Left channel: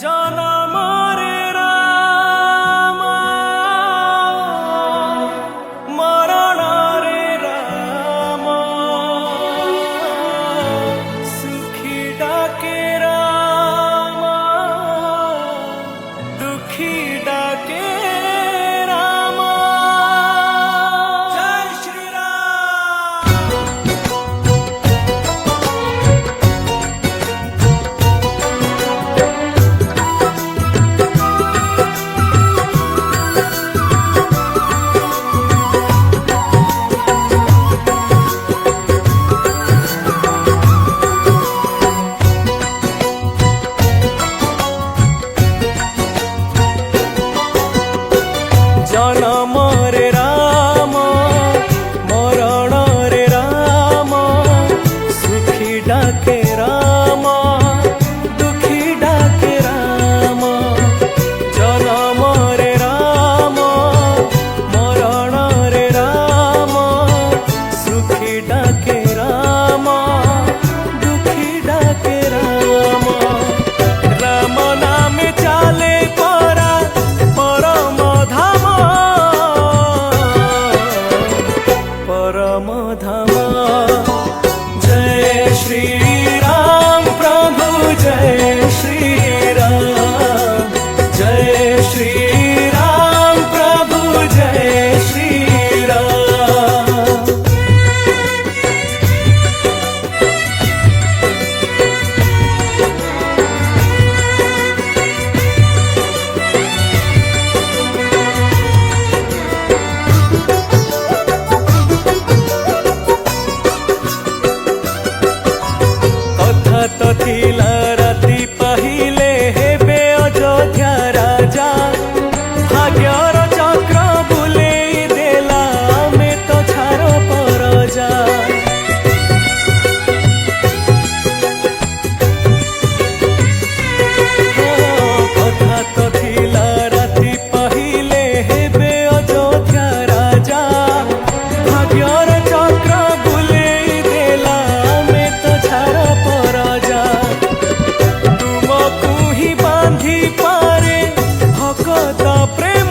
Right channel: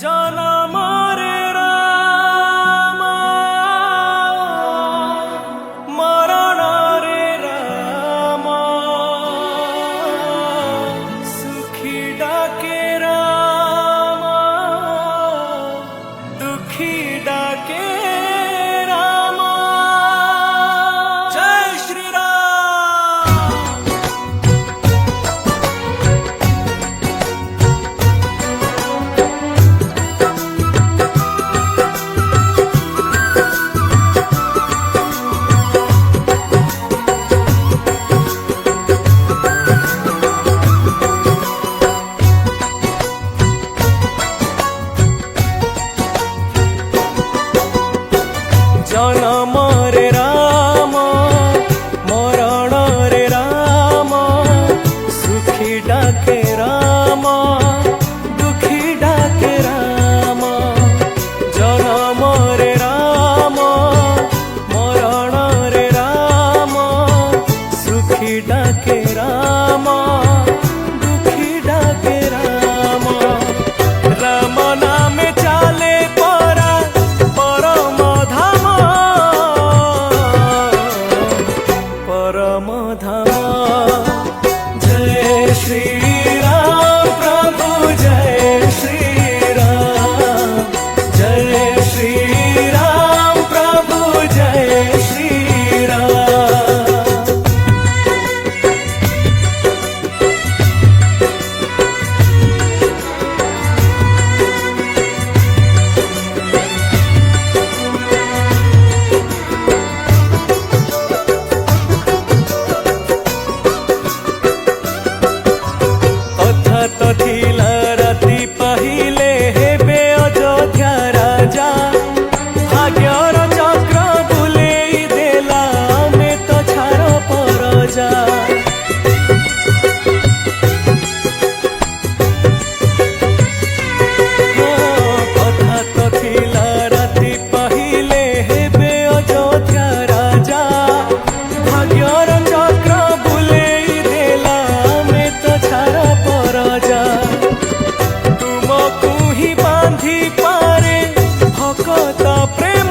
जनम रे राम मरण रे राम सुखी डाके राम दुखी डाके राम। जय श्री राम। जनम रे राम मरण रे राम सुखी डाके राम दुखी डाके राम। जनम रे राम मरण रे राम सुखी डाके राम दुखी डाके राम। राम नामे चाले परा परम धाम परम धाम। जय श्री राम प्रभु जय श्री राम जय श्री राम प्रभु जय श्री राम। कथा तो थिला राति पाहिले हेबे अयोध्या राजा भाग्यर चक्र बुलेई देला में तो छार परजा। कथा तो थिला राति पाहिले हेबे अयोध्या राजा भाग्यर चक्र बुलेई देला में तो छार परजा। तुमको ही बांधी पारे भकत प्रेम